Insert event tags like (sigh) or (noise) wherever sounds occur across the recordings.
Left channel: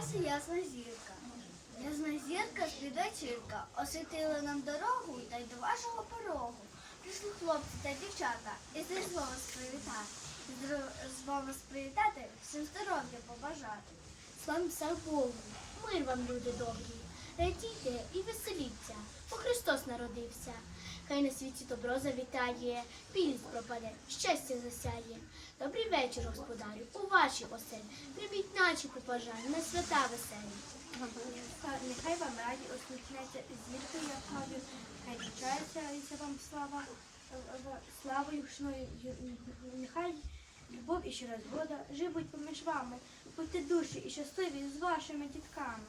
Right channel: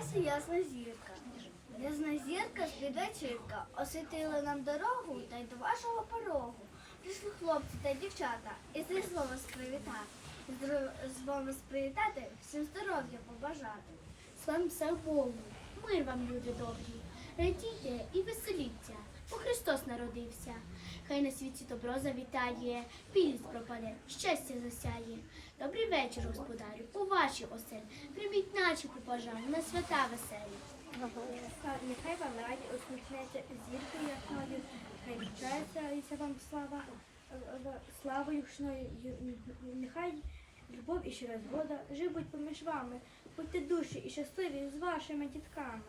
З'явилася ясна зірка. Ясна зірка слідачірка освітила нам дорогу та й до вашого порогу. Прийшли хлопці та дівчата і з вами привітати. З вами привітати, всім здоров'я побажати. Слава все Богу, мир вам, люди добрі, радійте і веселіться, бо Христос народився. Хай на світі добро завітає, білість пропаде, щастя засяє. Добрий вечір, господарю, у вашій оселі. Прийміть наче побажання на свята веселі. Нехай вам раді усміхнеться зірка ясною, хай вчається вам слава, славою гучною, нехай любов і щира згода живуть поміж вами. Будьте душі і щасливі з вашими дітками.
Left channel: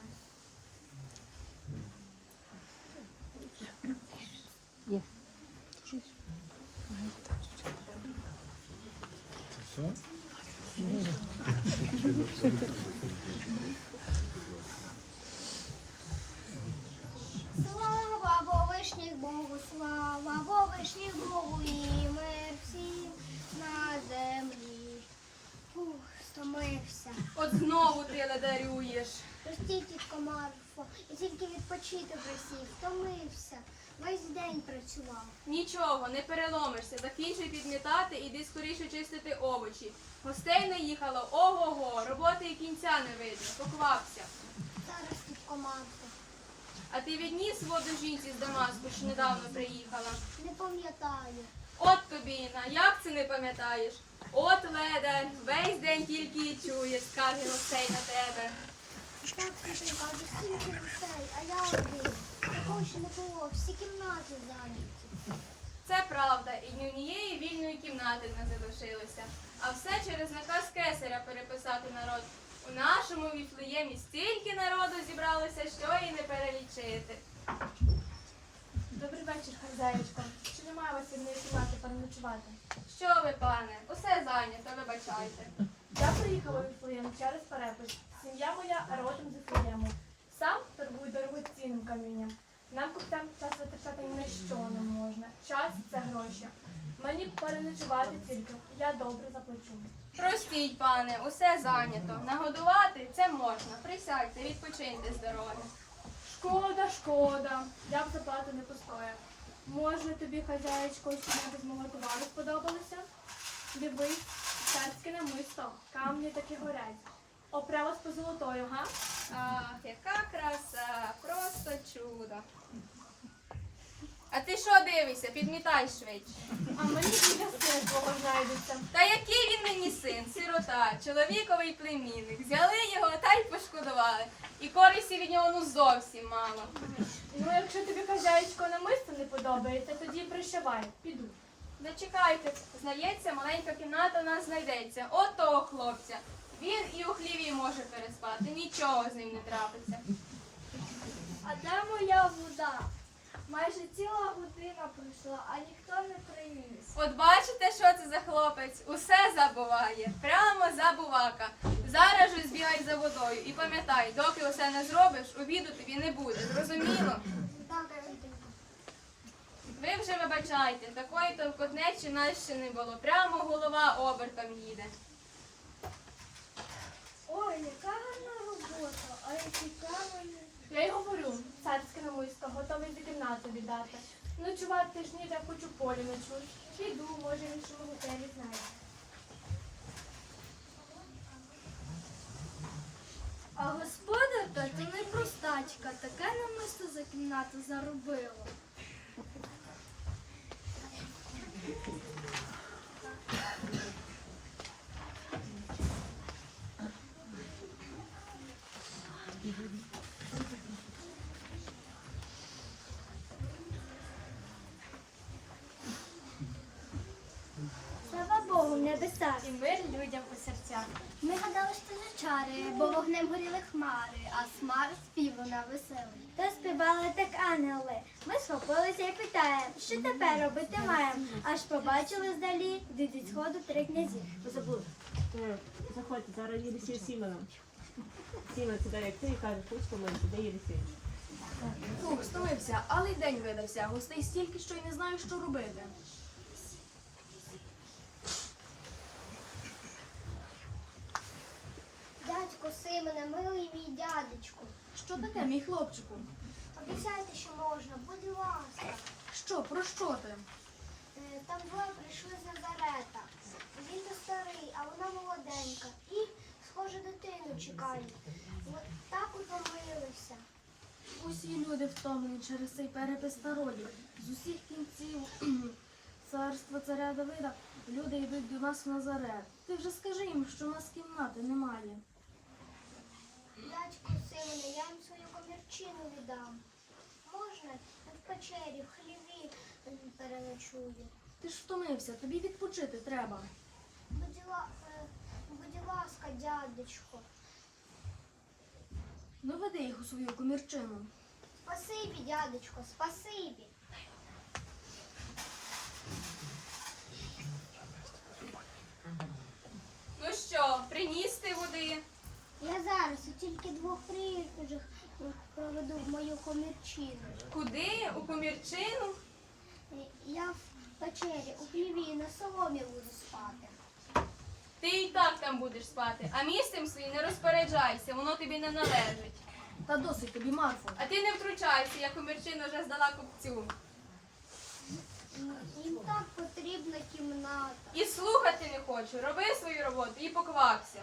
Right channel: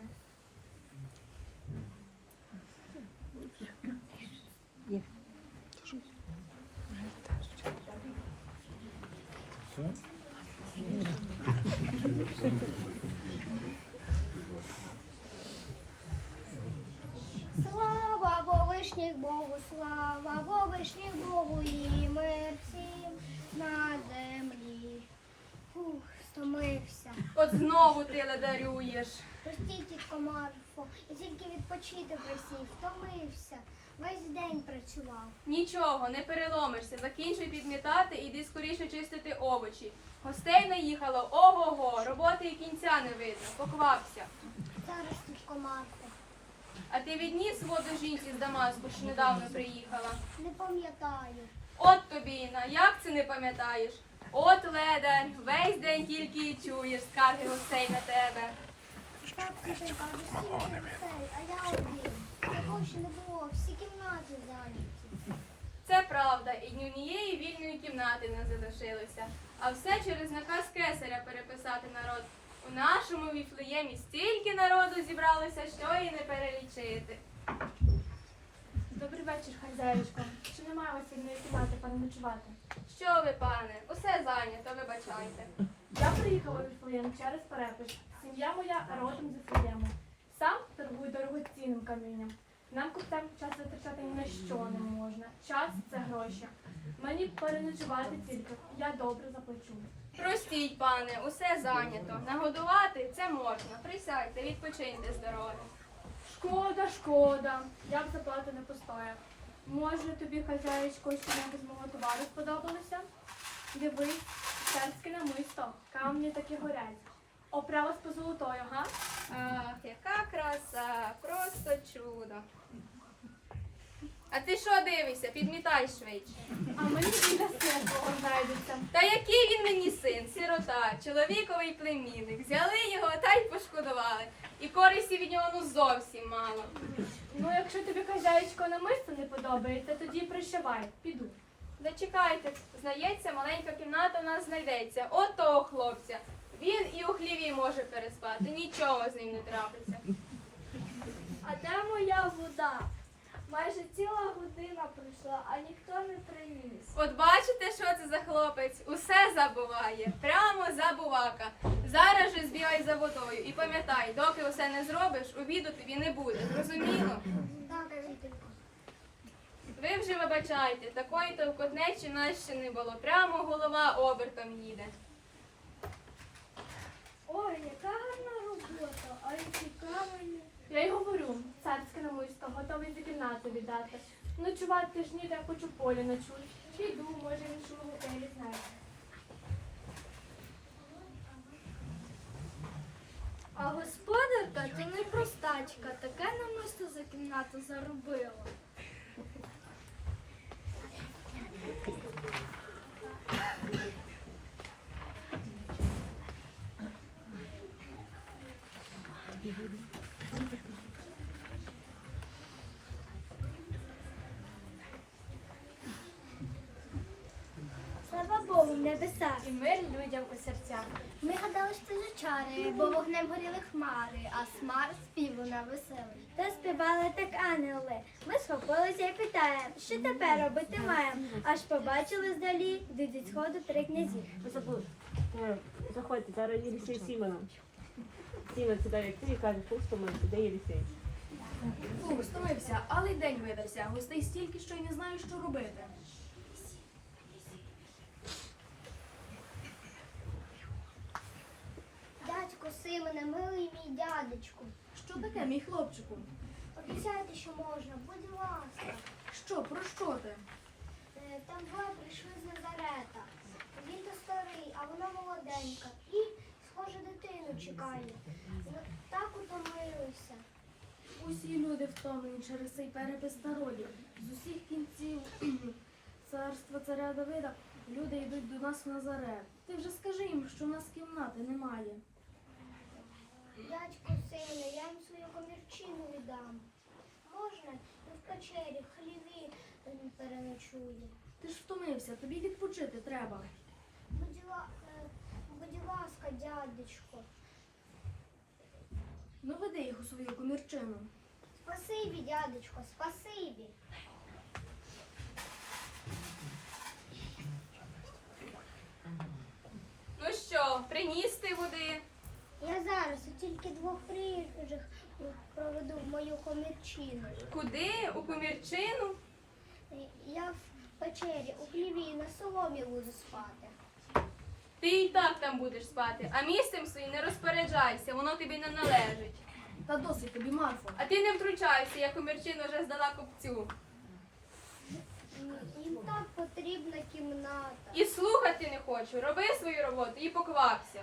Слава Вовишніх Богу, слава Вовишніх Богу і мир всім на землі. Фух, стомився. От знову ти ледарюєш. Простіть, тітко Марфо, я тільки відпочити просив, втомився. Весь день працював. Нічого, не переломишся. Закінчуй підмітати, іди скоріше чистити овочі. Гостей наїхало, ого-го, роботи і кінця не видно. Поквапся. Зараз, тітко Марфо, А ти відніс воду жінці з Дамаску, що недавно приїхала. не пам'ятаю. От тобі, Інна, як це не пам'ятаєш? От ледар, весь день тільки і чуєш скарги гостей на тебе. Так, тітонька, вже стільки гостей, а я один. Такого ще не було, всі кімнати зайняті. Це правда, і ні однієї вільної кімнати не залишилося. А все через наказ кесаря переписати народ. У нашому віфлеємі стільки народу зібралося, що і не перелічити. Добрий вечір, хазяїчко. Чи немає у вас вільної кімнати переночувати? Що ви, пане, усе зайнято, вибачайте. Я приїхала у Віфлеєм через перепис. Сім'я моя родом з Віфлеєму. Сам торгую дорогоцінним камінням. Нам купцям час витрачати ні на що не можна. Час це гроші. Мені переночувати тільки. Я добре заплачу. Простіть, пане, усе зайнято. Нагодувати це можна. Присядьте, відпочиньте з дороги. Шкода, шкода. Я б заплату не постояв. Може тобі, хазяїчко, що з мого товару сподобалося? Дивись, царське намисто, камні такі горять. Оправа з позолотою, га? Ах, яка краса, просто чудо. А ти що дивишся? Підмітай швидше. А мені біля син знайдеться. Та який він мені син, сирота, чоловіковий племінник. Взяли його та й пошкодували. І користі від нього ну зовсім мало. Ну, якщо тобі хазяїчко намисто не подобається, тоді прощавай, піду. Зачекайте, знається, маленька кімната у нас знайдеться. От того хлопця. Він і у хліві може переспати, нічого з ним не трапиться. А де моя вода? Майже ціла година пройшла, а ніхто не приніс. От бачите, що це за хлопець? Усе забуває. Прямо забувака. Зараз же збігай за водою і пам'ятай, доки усе не зробиш, обіду тобі не буде. Зрозуміло? Ви вже вибачайте, такої товкотнечі нас ще не було. Прямо голова обертом їде. Ой, яка гарна робота, а які камені. Я й говорю, царське намисто, готовий за кімнату віддати. Ночувати ж ніде, хоч у полі ночуй. Піду, може, в іншому готелі знайду. А господарка то не простачка, таке намисто за кімнату заробила. Небесах. І мир людям у серцях. Ми гадали, що це чари, бо вогнем горіли хмари, а смар спів луна веселий. То співали так ангели. Ми схопилися і питаємо, що тепер робити маємо. Аж побачили здалі, від сходу три князі. Ви забули. Заходьте, зараз Єлісей з Сімоном. Сімон сідає як ти і каже, пустимо, де Єлісей. Фух, стомився, але й день видався. Гостей стільки, що й не знаю, що робити. Дядьку Симоне, милий мій дядечку. Що таке, мій хлопчику? Обіцяйте, що можна, будь ласка. Що, про що ти? Е, Там двоє прийшли з Назарета. Він то старий, а вона молоденька. І, схоже, дитину чекає. Ми так утомилися. Усі люди втомлені через цей перепис народів. З усіх кінців (clears throat) царства царя Давида люди йдуть до нас в Назарет. Ти вже скажи їм, що у нас кімнати немає. Дядько Симоне, я їм свою комірчину віддам. Можна в печері, в хліві переночую. Ти ж втомився, тобі відпочити треба. Будь, ла- е, будь ласка, дядечко. Ну веди їх у свою комірчину. Спасибі, дядечко, спасибі. Ну що, приніс ти води? Я зараз у тільки двох приїжджих проведу в мою комірчину. Куди? У комірчину? Е, Я в печері у хліві на соломі буду спати. Ти і так там будеш спати, а місцем своїм не розпоряджайся, воно тобі не належить. Та досить тобі, Марфо. А ти не втручайся, я комірчину вже здала купцю. Їм так потрібна кімната. І слухати не хочу. Роби свою роботу і поквапся.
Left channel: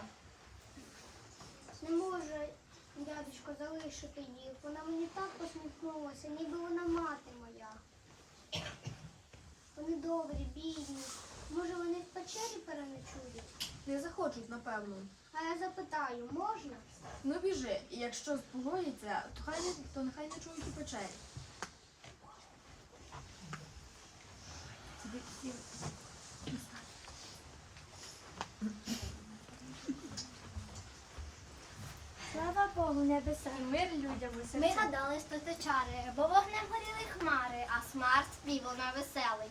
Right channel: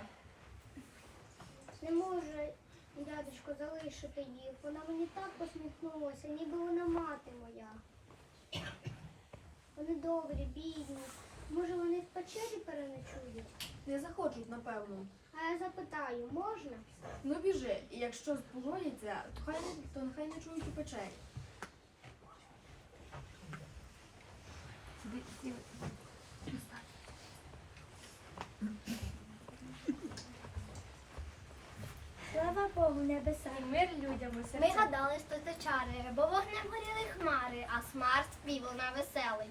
Не можу, дядечко, залишити їх. Вона мені так посміхнулася, ніби вона мати моя. Вони добрі, бідні. Може, вони в печері переночують? Не захочуть, напевно. А я запитаю, можна? Ну біжи, і якщо погодяться, то хай не то нехай не чують і печері. Небеса. І мир людям у Ми гадали, що це чари, бо вогнем горіли хмари, а смарт співав на веселий.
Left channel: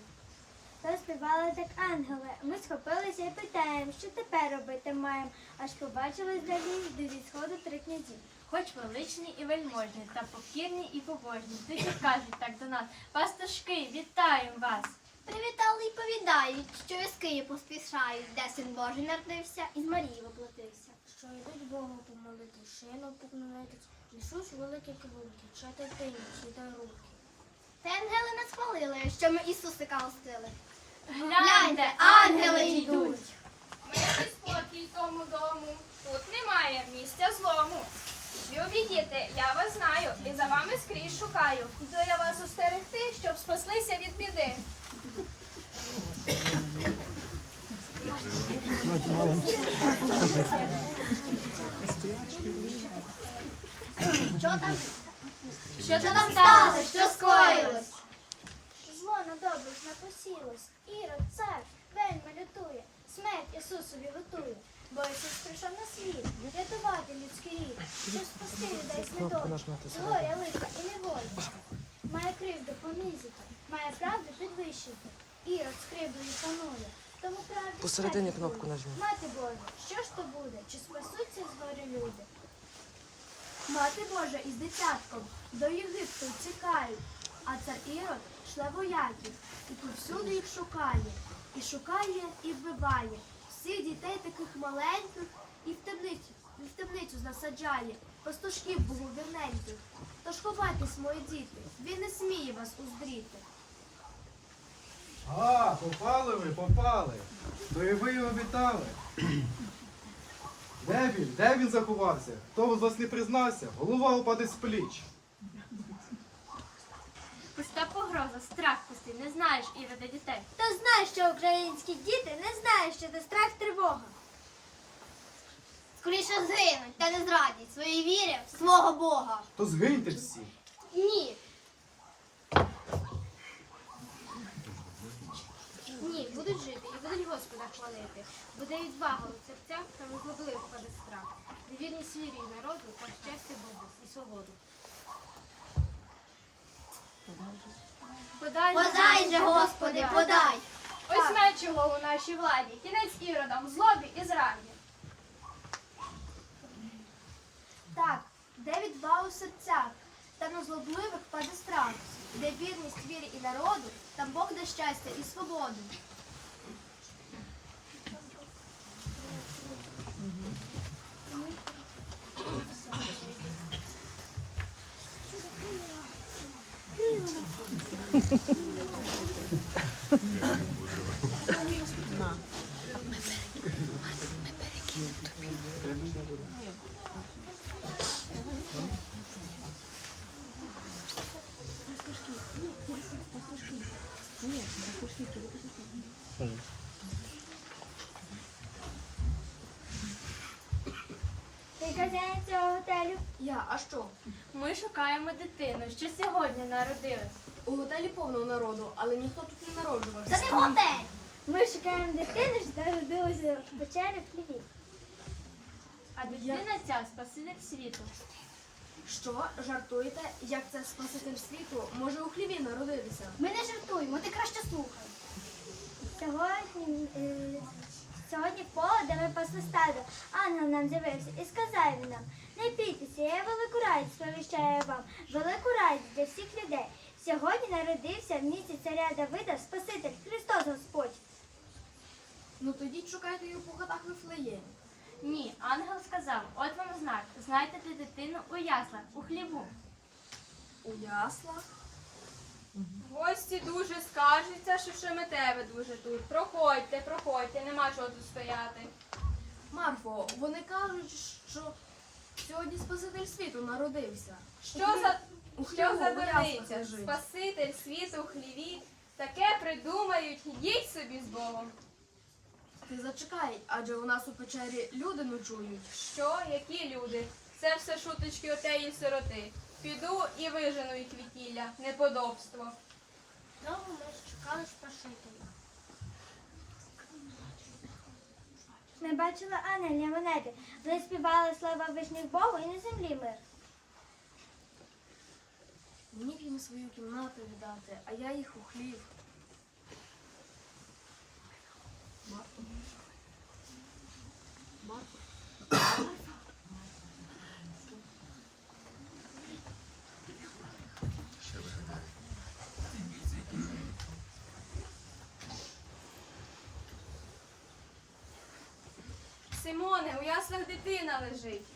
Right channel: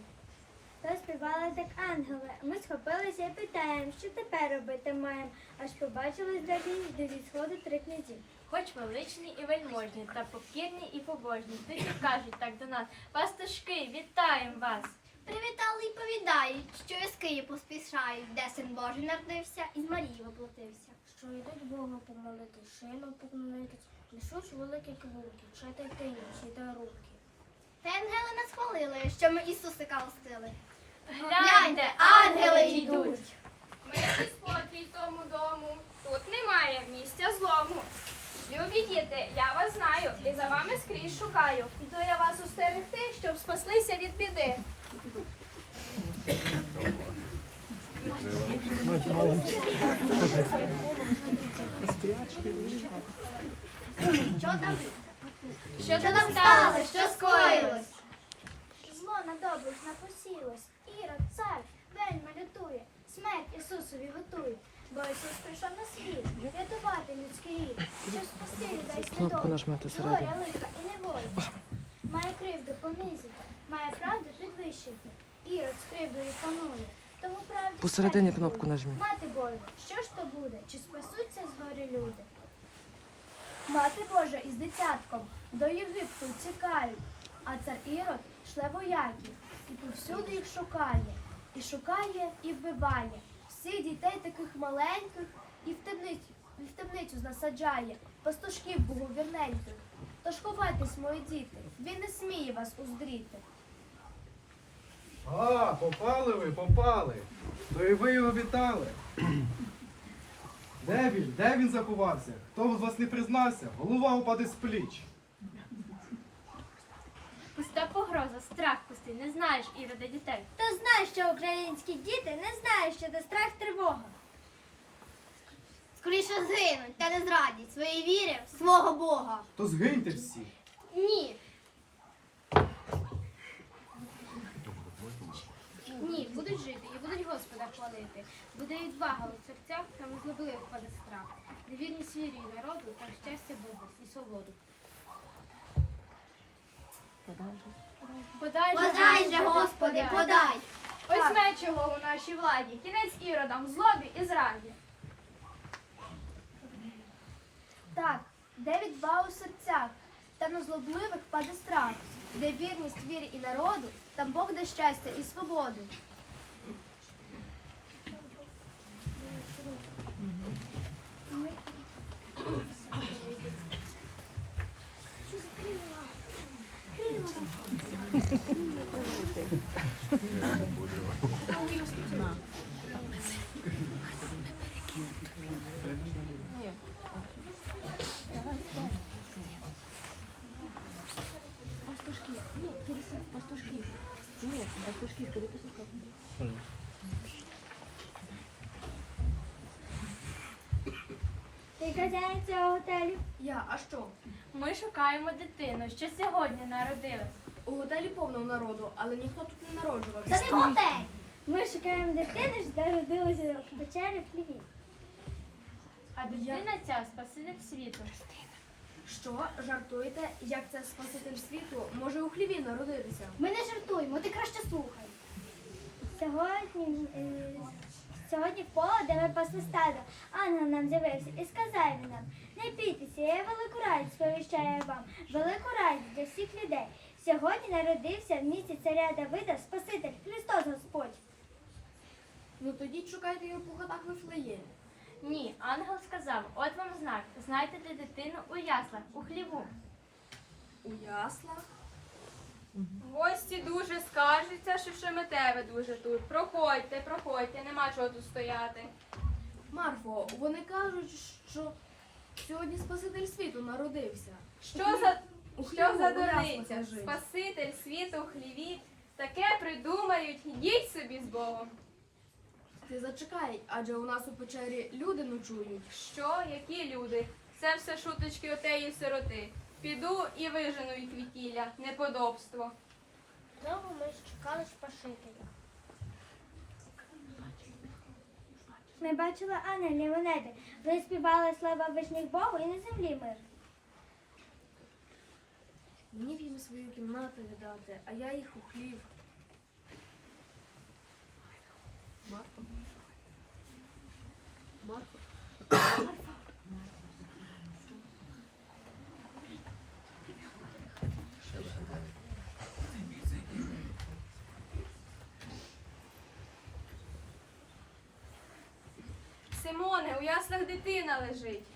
Та співали так ангели. Ми схопилися і питаємо, що тепер робити маємо. Аж побачили здалі до відсходу три князі. Хоч величні і вельможні, та покірні і побожні, тут і кажуть так до нас. Пастушки, вітаємо вас! Привітали і повідають, що із Києва поспішають, де син Божий народився і з Марії воплотився. Що йдуть Бога помолити, шину поклонити, несуть великі квулки, читайте інші та руки. Та ангели нас хвалили, що ми Ісусика гостили. Гляньте, ангели йдуть! Мир і спокій тому дому. Тут немає місця злому. Любі діти, я вас знаю і за вами скрізь шукаю. Іду я вас устерегти, щоб спаслися від біди. Що там? Що там сталося? Що скоїлось? Зло на добрих напосілось. Ірод, цар, вельми лютує, смерть Ісусові готує. Бо Ісус прийшов на світ, рятувати людський рід, щоб спасти людей з недолі, горя, лиха і неволі. Має кривду понизити, має правду підвищити. Ірод з кривдою панує. Тому правді Посередині кнопку нажми. Мати Божа, що ж то буде? Чи спасуться з горя люди? Мати Божа із дитятком до Єгипту тікають, а цар Ірод шле вояків і повсюди їх шукає. І шукає, і вбиває. Всіх дітей таких маленьких і в темницю, і в темницю насаджає, пастушків боговірненьких. Тож ховайтесь, мої діти, він не сміє вас уздріти. А, попали ви, попали. То і ви його вітали. Де він? Де він заховався? Хто з вас не признався? Голова упаде з пліч. Пуста погроза, страх пустий, не знаєш ірода дітей. Хто знає, що українські діти не знають, що це страх тривога. Скоріше згинуть та не зрадять своєї віри в свого Бога. То згиньте всі. Ні, Ні, будуть жити будуть Господа хвалити. Буде відвага у серцях та виглибли впаде страх. Невірність вірі і народу та щастя Богу і свободу. Подай, подай же, Господи, подай. Ось меч його у нашій владі. Кінець іродам, злобі і зраді. Так, де відвага у серцях, та на злобливих паде страх, де вірність вірі і народу, там Бог дасть щастя і свободу. Ти хазяїн цього готелю? Я, а що? Ми шукаємо дитину, що сьогодні народилась. У готелі повно народу, але ніхто тут не народжувався. Це не готель. Ми шукаємо дитину, що народилася в печері в хліві. А дитина ця спаситель світу. Що? Жартуєте? Як це спаситель світу може у хліві народитися? Ми не жартуємо, ти краще слухай. Сьогодні, е, сьогодні поле, де ми пасли стадо, ангел нам з'явився і сказав він нам, не бійтеся, я велику радість сповіщаю вам, велику радість для всіх людей. Сьогодні народився в місті царя Давида Спаситель Христос Господь. Ну тоді шукайте його по хатах Вифлеємі. Ні, ангел сказав, от вам знак, знайдете дитину у яслах, у хліву. У яслах? Гості дуже скаржаться, що ще ми тебе дуже тут. Проходьте, проходьте, нема чого тут стояти. Марфо, вони кажуть, що сьогодні спаситель світу народився. Що за що за дурниця? Спаситель світу в хліві. Таке придумають, йдіть собі з Богом. Ти зачекай, адже у нас у печері люди ночують. Що, які люди? Це все шуточки отеї сироти. Піду і вижену їх вітілля, неподобство. Довго ми чекали Спасителя. Ми бачили ангелів на небі. Вони співали слава вишніх Богу і на землі мир. Мені б їм свою кімнату віддати, а я їх у хлів. Марко. Марко. Симоне, у яслах дитина лежить.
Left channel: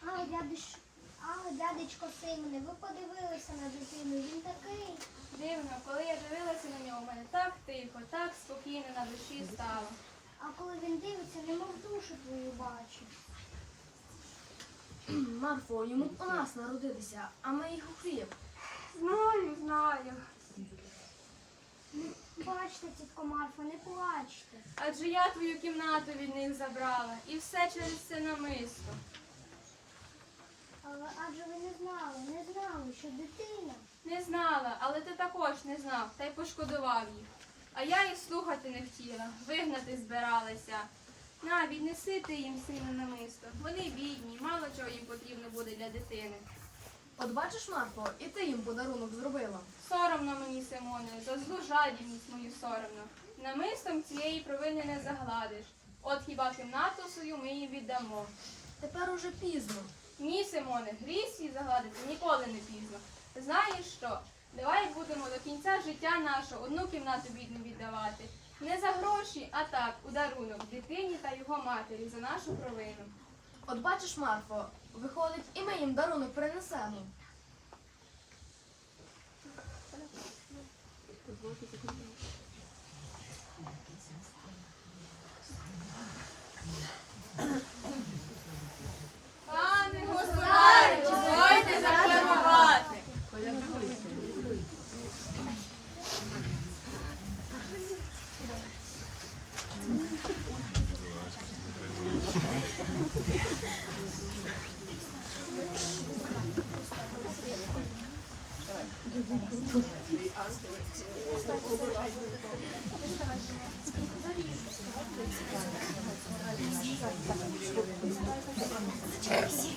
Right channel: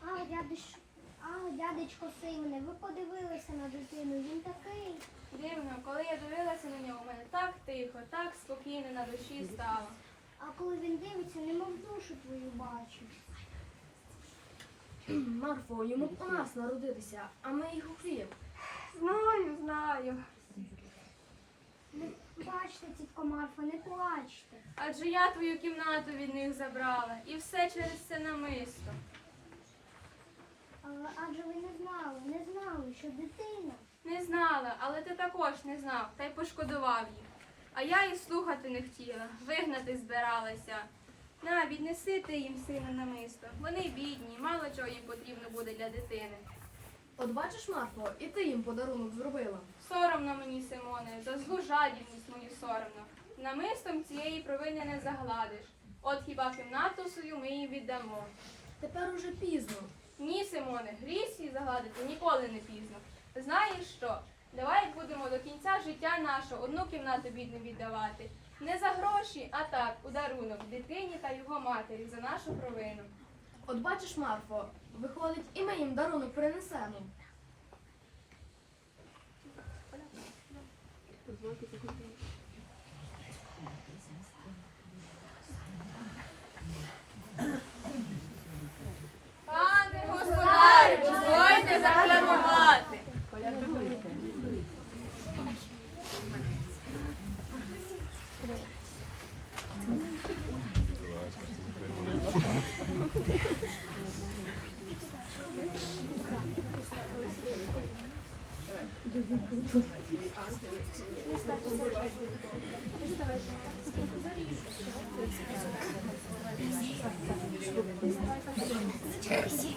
А, дядечко, а, дядечко Симоне, ви подивилися на дитину, він такий. Дивно, коли я дивилася на нього, у мене так тихо, так спокійно на душі стало. А коли він дивиться, немов душу твою бачить. (clears throat) Марфо, йому б у нас народитися, а ми їх у хліб. Знаю, знаю. Бачте, тітко Марфа, не плачте. Адже я твою кімнату від них забрала. І все через це намисто. Але адже ви не знали, не знали, що дитина. Не знала, але ти також не знав, та й пошкодував їх. А я і слухати не хотіла, вигнати збиралася. На, віднеси ти їм сину намисто. Вони бідні, мало чого їм потрібно буде для дитини. От бачиш, Марфо, і ти їм подарунок зробила. Соромно мені, Симоне, за злу жадібність мою соромно. Намистом цієї провини не загладиш. От хіба кімнату свою ми їм віддамо. Тепер уже пізно. Ні, Симоне, гріх свій загладити ніколи не пізно. Знаєш що? Давай будемо до кінця життя нашого одну кімнату бідну віддавати. Не за гроші, а так, у дарунок дитині та його матері за нашу провину. От бачиш, Марфо, виходить, і ми їм дарунок принесемо. Секунду. Припадають,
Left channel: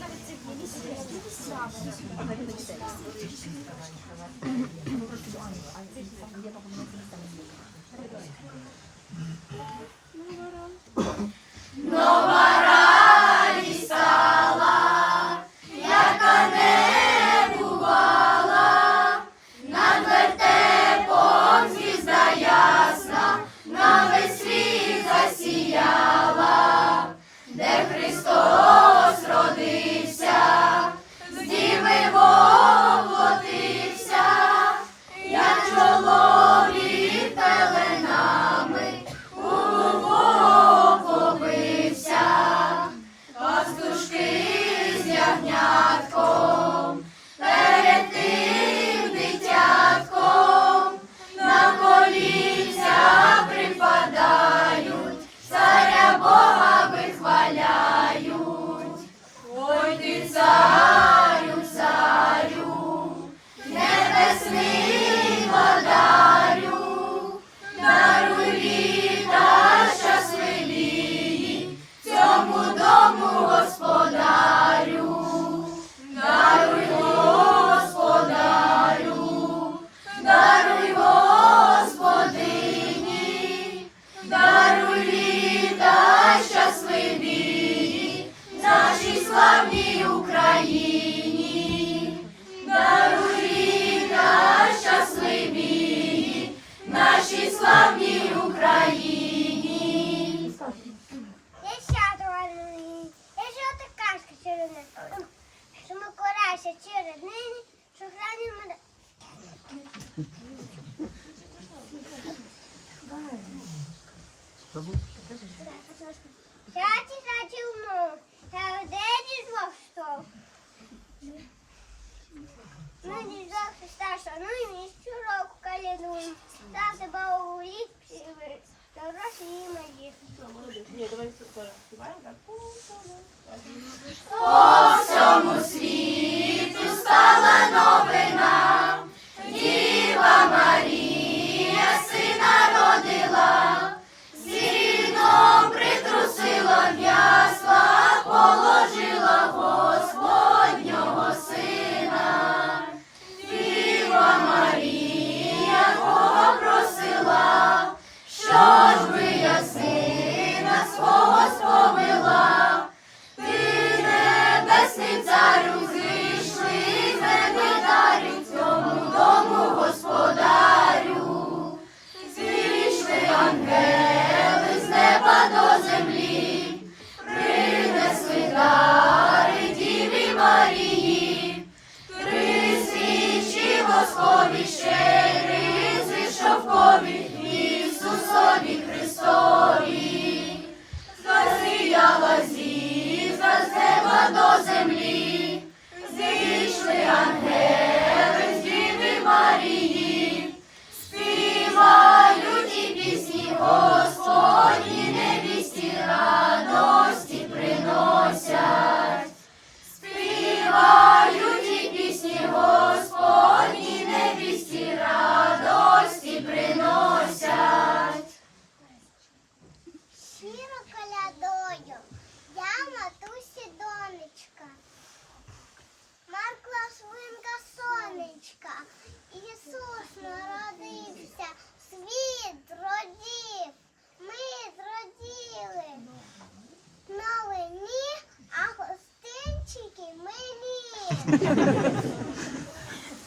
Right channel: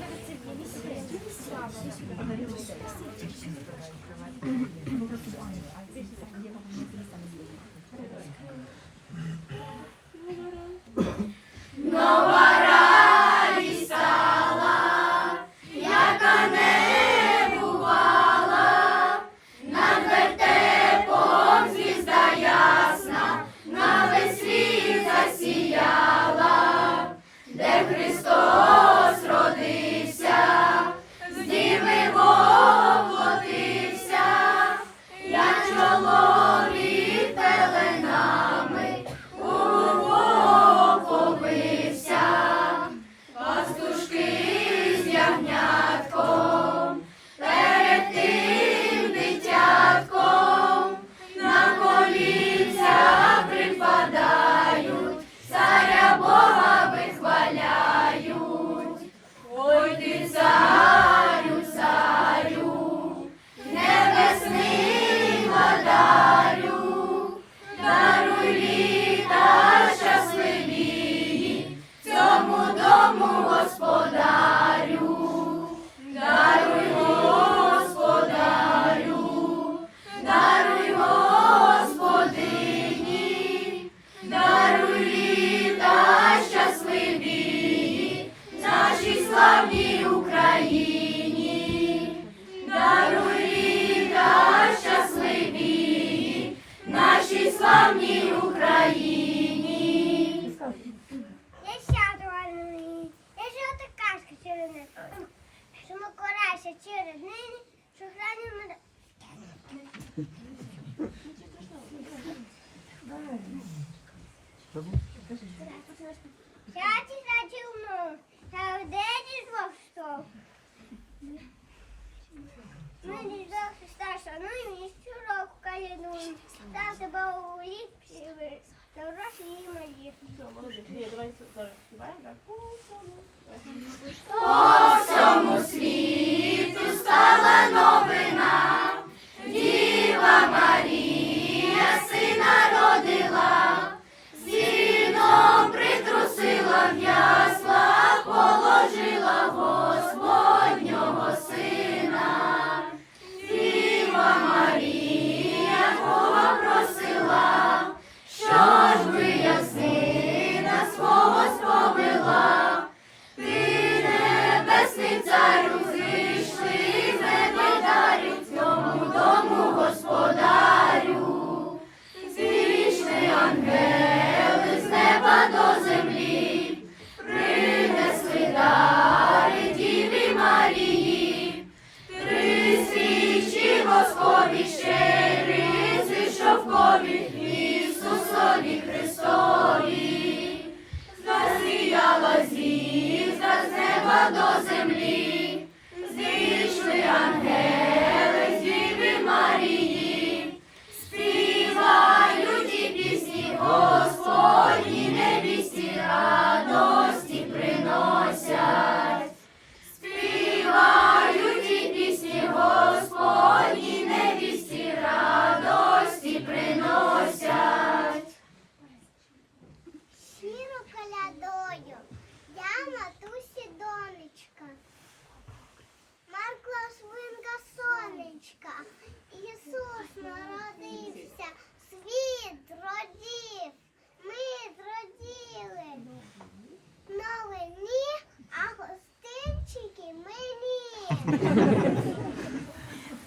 Tá bom.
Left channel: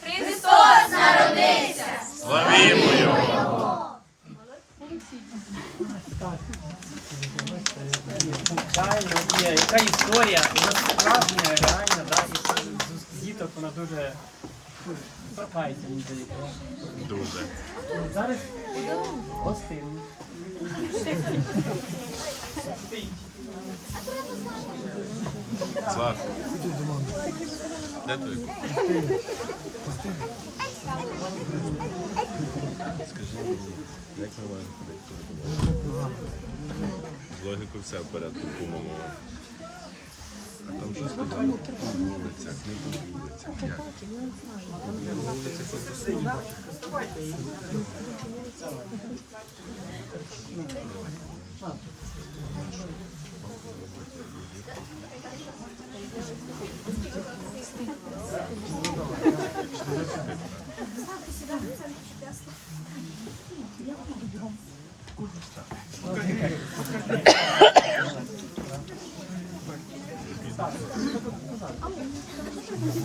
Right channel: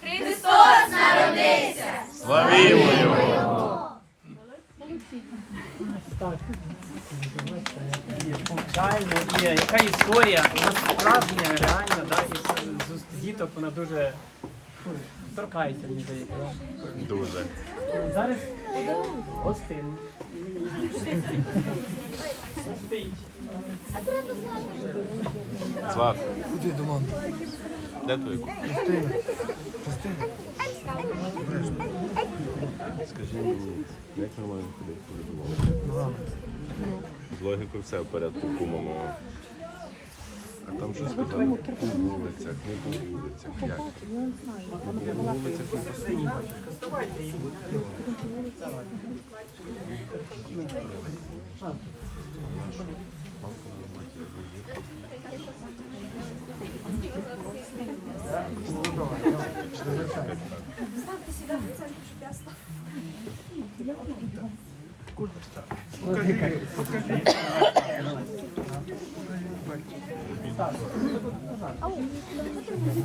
Христос народився! Звичайно, і яка історія, вона справжня, реальна, да, і з- діток вона дуже ну, торкається, мені здається. Дуже. Зараз гостин. Сват. Де ти? Скажи мені, як ми маємо? З логікою все в порядку, по-моєму. Там щось сказали, на вулицях, не по. Як? На вулицях не постійно.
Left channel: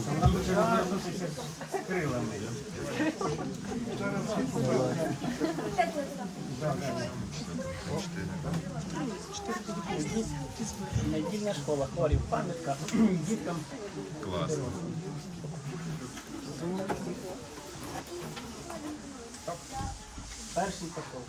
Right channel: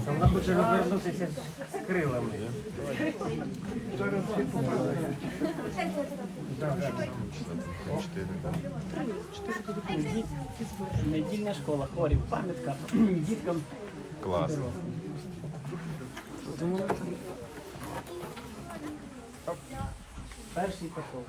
Вона хоче розвернутися з крилами. Недільна школа, хорів, пам'ятка (clears throat) діткам. Класно. Перший пішов.